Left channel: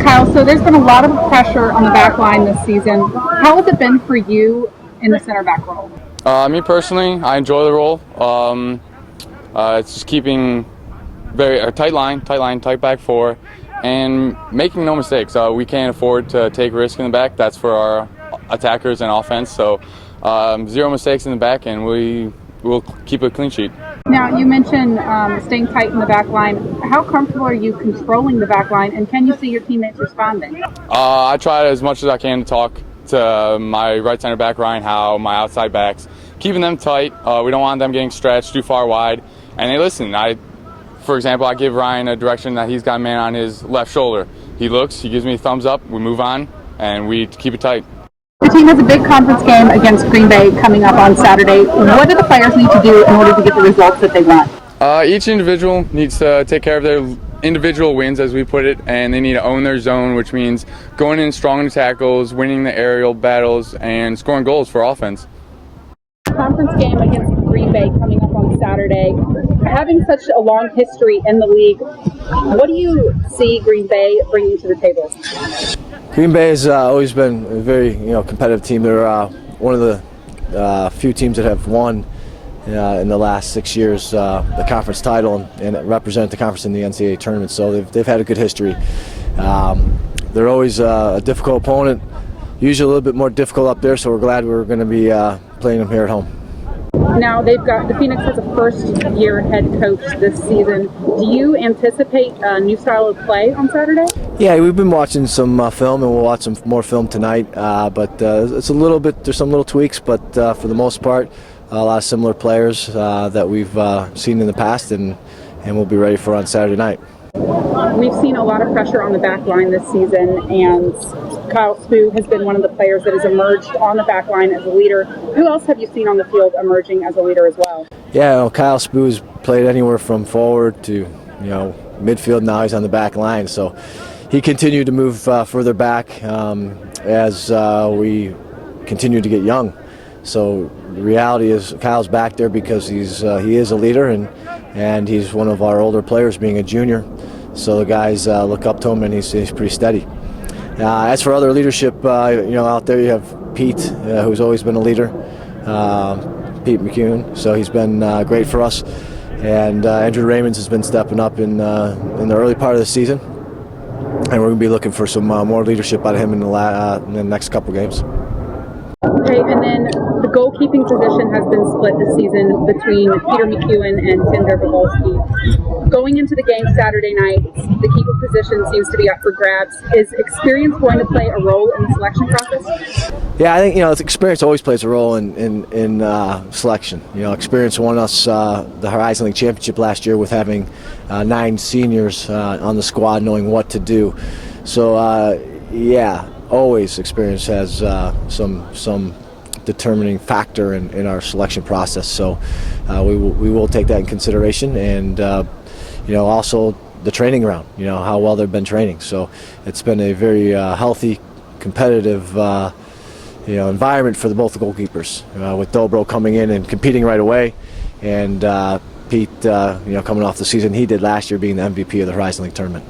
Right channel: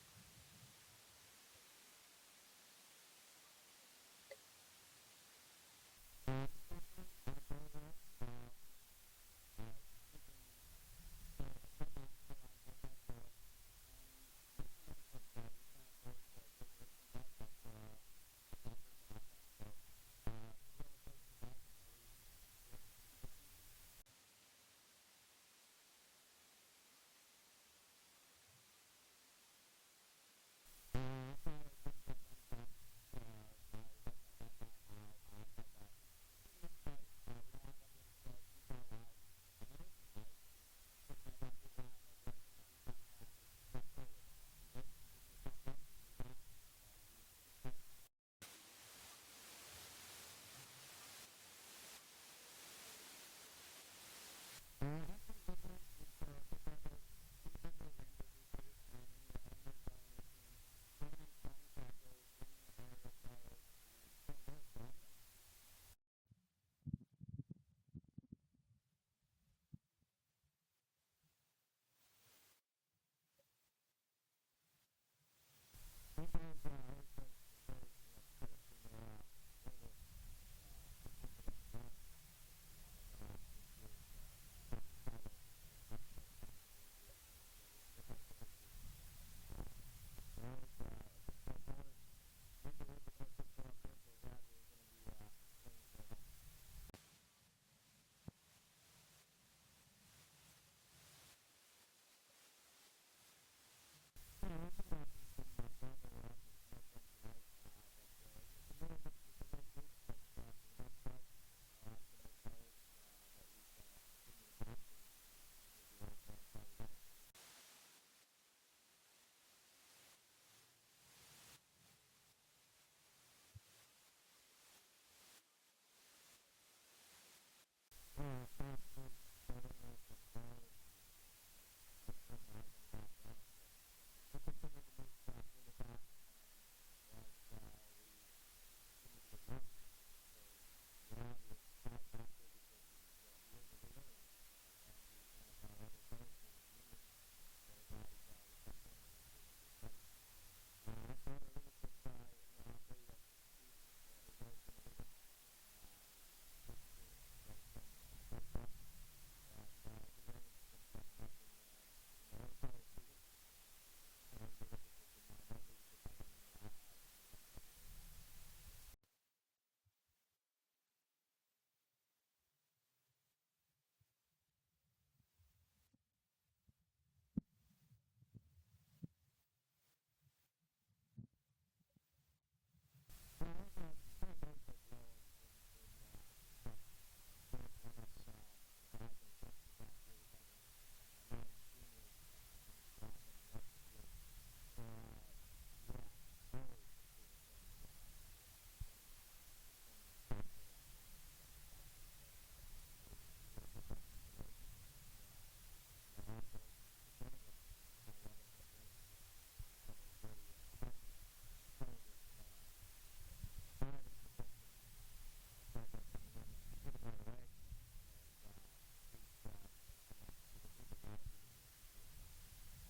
Kyle, so there's been a lot of pressure on the back line this season. How has it been for you in the center back role? Me personally, I enjoy the role. It's just keeping a tight line, tight back four, and making no mistakes. We can't afford to take risk in the back. That's for our attackers and offense. So 0 mistakes in the back, and we will keep a clean sheet. Now, you mentioned staying tight in the back line. How comfortable are you controlling the back line, and can you see your teammates responding? I try as much as I can to talk to my right center back, Ryan Howe, my outside backs, keeping them tight. We don't want them getting stretched too far wide, and they listen. For example, I give Ryan a direction that he's got a man on his left shoulder. He looks, he gives me a thumbs up, we move on, and we keep it tight. The team has a big conference game against Green Bay coming up on Saturday. What do the players need to do in order to get the results that they want? Each individual needs to take care of their individual wins, as we put it, and they need to own their zone, which means going in strong in tackles, winning the aerial battles, and scoring goals for offense. Conference game against Green Bay coming up on Saturday. Having such a long history in the league, what do you see Green Bay bringing to the table? Green Bay has always been a very competitive team. They're one of the few teams that have won in the last 6 years the conference title and represent the conference in the NCAA tournament. So they've had a good history. They're always a difficult opponent, usually a little bit more difficult up there. So we're glad we're going to be playing them here at home. Now the Phoenix has a first-year head coach this season. Do you anticipate a new style of play on Saturday? Yeah, we've been watching some film, and we'll watch some more film tonight. But it's a little bit. There's some little tweaks, but for the most part, a lot of similar players that we've seen in the past, and we'll be ready for on Saturday night. We've seen a lot of pressure on the back line this season, and Kyle Spoo has been one of the players that has emerged on the back line as a leader. Who else have you seen on the field emerging as a leader as well? Yeah, Kyle Spoo has played anywhere from forward to midfield. Now he's on the back line, so he continued to move further back as we continue to get young. So the reality is Kyle's back there because he is a leader, and he's one of our older players, being a junior. So the guys look up to him, and he's pretty steady. As for other leadership, out there you have Pete, who's always been a leader, Pete McCune. So he's been great for us, and Andrew Raymonds has been stepping up in the early part of the season, and we're going to be looking for some more leadership out of him in the next couple games. Okay, and then the goalkeeping position has been split this season between Peter McEwen and Tim Derbovolsky. Going into the game Saturday night, the keeper position seems to be up for grabs. Is experience going to play a role in the selection process? Yeah, I think experience always plays a role in selection. Experience won us the Horizon League Championship last year with having 9 seniors on the squad, knowing what to do. So yeah. Always experience has some determining factor in our selection process. So we will take that in consideration, and also the training ground. How well they've been training. So it's been a very healthy, competitive environment for both the goalkeepers. With Dobro coming in and competing right away, and Pete coming off the season he did last year, being the MVP of the Horizon League tournament.